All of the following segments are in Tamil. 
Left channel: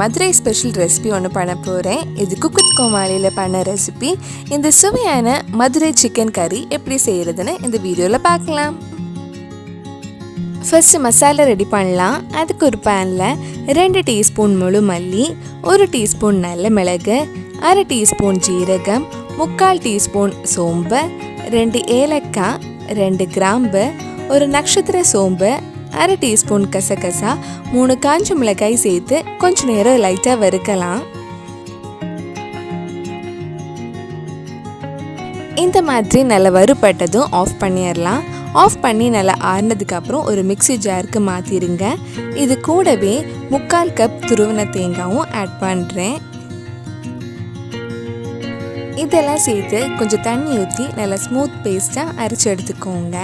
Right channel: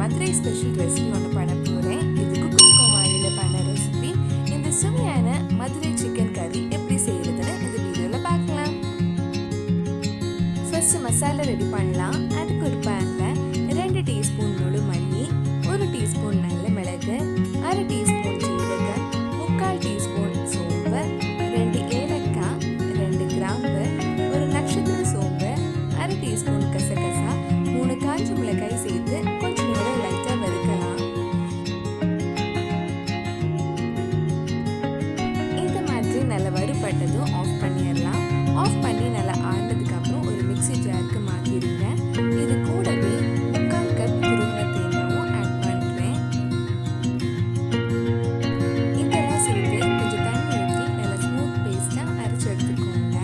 Madurai special recipe ஒன்று பண்ண போகிறேன். இது Comali பண்ண ரெசிபி. இந்த சுவையான Madurai chicken curry எப்படி செய்யறதுன்னு இந்த வீடியோவில் பார்க்கலாம். ஃபர்ஸ்ட் மசாலா ரெடி பண்ணலாம். அதுக்கு ஒரு பேனில் 2 டீஸ்பூன் முழு மல்லி, 1 டீஸ்பூன் நல்ல மிளகு, 1/2 டீஸ்பூன் ஜீரகம், 3/4 டீஸ்பூன் சோம்பு, 2 ஏலக்காய், 2 கிராம்பு, ஒரு நட்சத்திர சோம்பு, 1/2 டீஸ்பூன் கசகசா, 3 காஞ்ச மிளகாய் சேர்த்து கொஞ்ச நேரம் லைட்டாக வறுக்கலாம். இந்த மாதிரி நல்லா வறுபட்டதும் ஆஃப் பண்ணிடலாம். ஆஃப் பண்ணி நல்லா ஆறினதுக்கப்புறம் ஒரு மிக்ஸி ஜாருக்கு மாற்றிடுங்க. இது கூடவே 3/4 கப் துருவின தேங்காயும் ஆட் பண்ணுறேன். இதெல்லாம் சேர்த்து கொஞ்சம் தண்ணி ஊற்றி நல்லா ஸ்மூத் பேஸ்ட்டாக அரைச்சி எடுத்துக்கோங்க.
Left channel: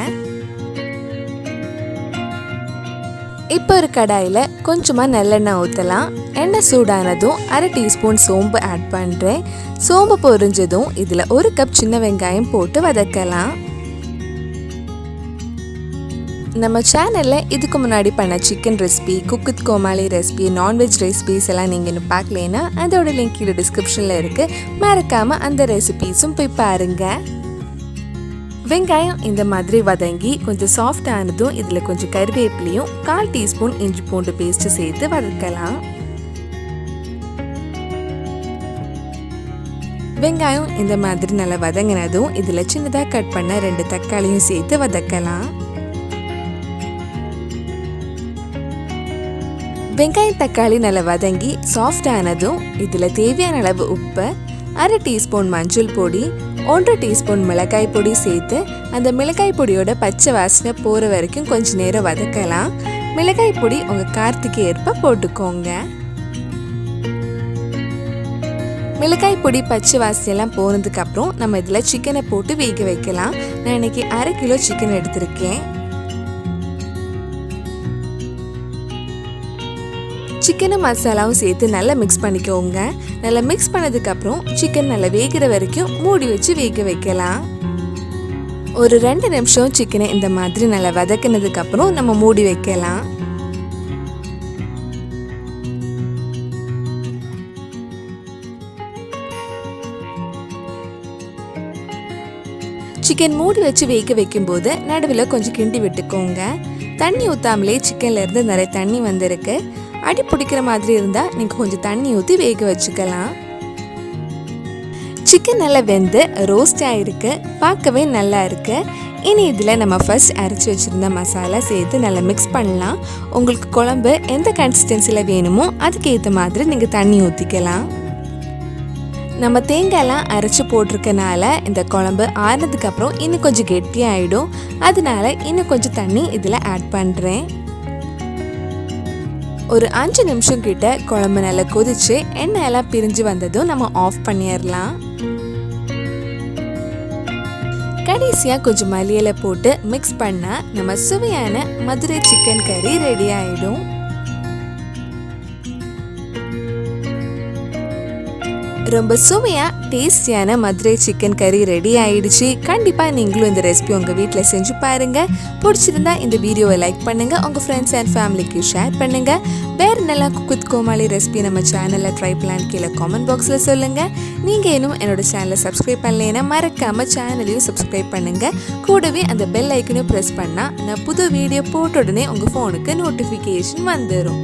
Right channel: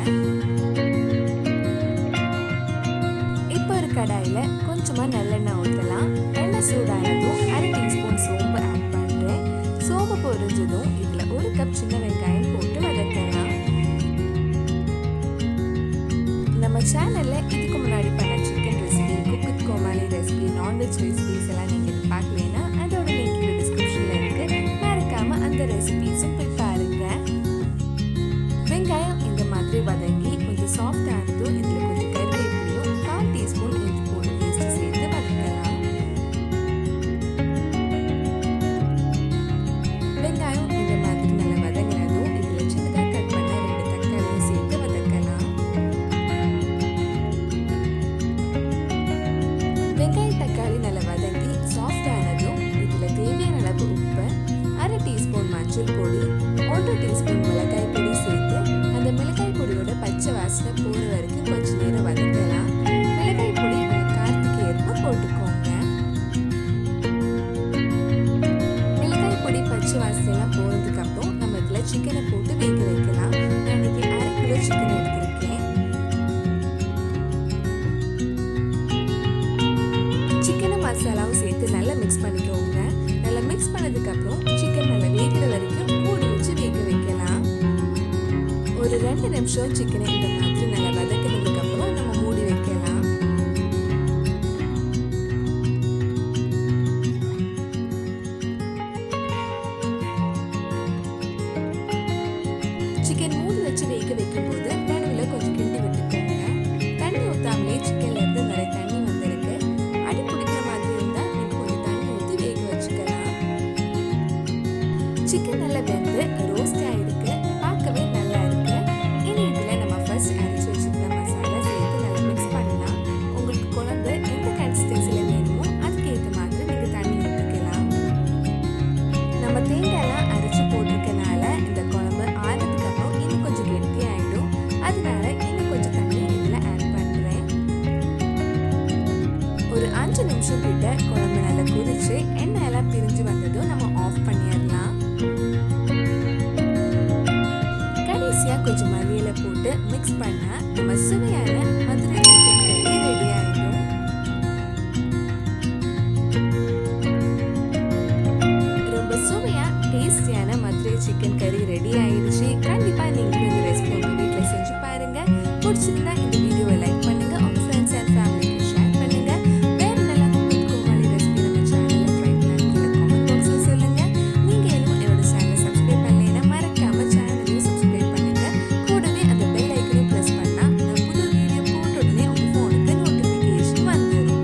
இப்போ ஒரு கடாயில் கொஞ்சமாக நல்லெண்ணெய் ஊற்றலாம். எண்ணெய் சூடானதும் 1/2 டீஸ்பூன் சோம்பு ஆட் பண்ணுறேன். சோம்பு பொரிஞ்சதும் இதில் 1 கப் சின்ன வெங்காயம் போட்டு வதக்கலாம். நம்ம சேனலில் இதுக்கு முன்னாடி பண்ண சிக்கன் ரெசிபி, குக் கோமாளி ரெசிபி, நான்வெஜ் ரெசிபிஸ் எல்லாம் நீங்கள் இன்னும் பார்க்கலைன்னா அதோட லிங்க் கீழே டிஸ்கிரிப்ஷனில் இருக்குது. மறக்காமல் அந்த ரெசிபீஸும் போய் பாருங்கள். வெங்காயம் இந்த மாதிரி வதங்கி கொஞ்சம் சாஃப்ட் ஆனதும் இதில் கொஞ்சம் கருவேப்பிலையும் 1/4 டீஸ்பூன் இஞ்சி பூண்டு பேஸ்ட்டு சேர்த்து வதக்கலாம். வெங்காயம் இந்த மாதிரி நல்லா வதங்கினதும் இதில் சின்னதாக கட் பண்ண 2 தக்காளியும் சேர்த்து வதக்கலாம். வெங்காயம் தக்காளி நல்லா வதங்கி சாஃப்ட் ஆனதும் இதில் தேவையான அளவு உப்பு, 1/2 டீஸ்பூன் மஞ்சள் பொடி, 1 டீஸ்பூன் மிளகாய் பொடி சேர்த்து அந்த மிளகாய் பொடியோட பச்சை வாசனை போகிற வரைக்கும் கொஞ்சம் நேரம் வதக்கலாம். மிளகாய் பொடி உங்கள் காரத்துக்கு ஏற்ப போட்டுக்கோங்க. மிளகாய் பொடி பச்சை வாசனையெல்லாம் போனதுக்கப்புறம் நம்ம இதில் சிக்கனை போட்டு வேக வைக்கலாம். நான் இன்னைக்கு 1/2 கிலோ சிக்கன் எடுத்திருக்கேன். சிக்கனும் மசாலாவும் சேர்த்து நல்லா மிக்ஸ் பண்ணிக்கோங்க. நல்லா மிக்ஸ் பண்ணதுக்கப்புறம் சிக்கன் நல்லா வேகிற வரைக்கும் மூடி வச்சு வேக வைக்கலாம். ஒரு 2 நிமிஷம் சிக்கனை இந்த மாதிரி நல்லா வதக்கினதுக்கப்புறம் நம்ம மூடி வைக்கலாம். சிக்கன் மூடி வச்சு வேக வைக்கும்போது நடுவில் கொஞ்சம் கிண்டி விட்டுக்கோங்க. தண்ணி ஊற்றாமலே சிக்கன்ல இருந்து நிறைய தண்ணி வந்திருக்கு. அடி பிடிக்கிற மாதிரி இருந்தால் நீங்கள் கொஞ்சம் தண்ணி ஊற்றி வேக வச்சுக்கலாம். சிக்கன் நல்லா வெந்து ரோஸ்ட் ஆகிருக்கு, பார்க்கவே நல்லா இருக்கு. இனி இதில் நம்ம ஃபர்ஸ்ட் அரைச்சி வச்சுருந்த மசாலா சேர்த்து நல்லா மிக்ஸ் பண்ணலாம். உங்களுக்கு குழம்பு எந்த கன்சிஸ்டன்சியில் வேணுமோ அதுக்கேற்ற மாதிரி நீங்கள் தண்ணி ஊற்றிக்கலாம். நம்ம தேங்காயெல்லாம் அரைச்சி போட்டிருக்கனால இந்த குழம்பு ஆறுனதுக்கப்புறம் இன்னும் கொஞ்சம் கெட்டியாகிடும். அதனால இன்னும் கொஞ்சம் தண்ணி இதில் ஆட் பண்ணுறேன். ஒரு 5 நிமிஷம் கிட்ட குழம்பு நல்லா கொதிச்சு எண்ணெய் எல்லாம் பிரிஞ்சு வந்ததும் நம்ம ஆஃப் பண்ணிடலாம். கடைசியாக கொஞ்சம் மல்லியில போட்டு மிக்ஸ் பண்ணால் நம்ம சுவையான மதுரை சிக்கன் கறி ரெடி ஆகிடும். ரொம்ப சுவையாக டேஸ்டியான மதுரை சிக்கன் கறி ரெடி ஆயிடுச்சு. கண்டிப்பாக நீங்களும் இந்த ரெசிபி உங்கள் வீட்டில் செஞ்சு பாருங்கள். பிடிச்சிருந்தா இந்த வீடியோவை லைக் பண்ணுங்கள், உங்கள் ஃப்ரெண்ட்ஸ் அண்ட் ஃபேமிலிக்கு ஷேர் பண்ணுங்கள். வேறு நல்லா குக் கோமாளி ரெசிபி நம்ம சேனலில் ட்ரை பண்ணலான்னு கீழே காமெண்ட் பாக்ஸில் சொல்லுங்கள். நீங்கள் இன்னும் என்னோட சேனலை சப்ஸ்கிரைப் பண்ணலைன்னா மறக்காமல் சேனலையும் சப்ஸ்கிரைப் பண்ணுங்கள். கூடவே அந்த பெல் ஐக்கனையும் ப்ரெஸ் பண்ணால் நான் புது வீடியோ போட்ட உடனே உங்கள் ஃபோனுக்கு நோட்டிஃபிகேஷன் வந்துடும்.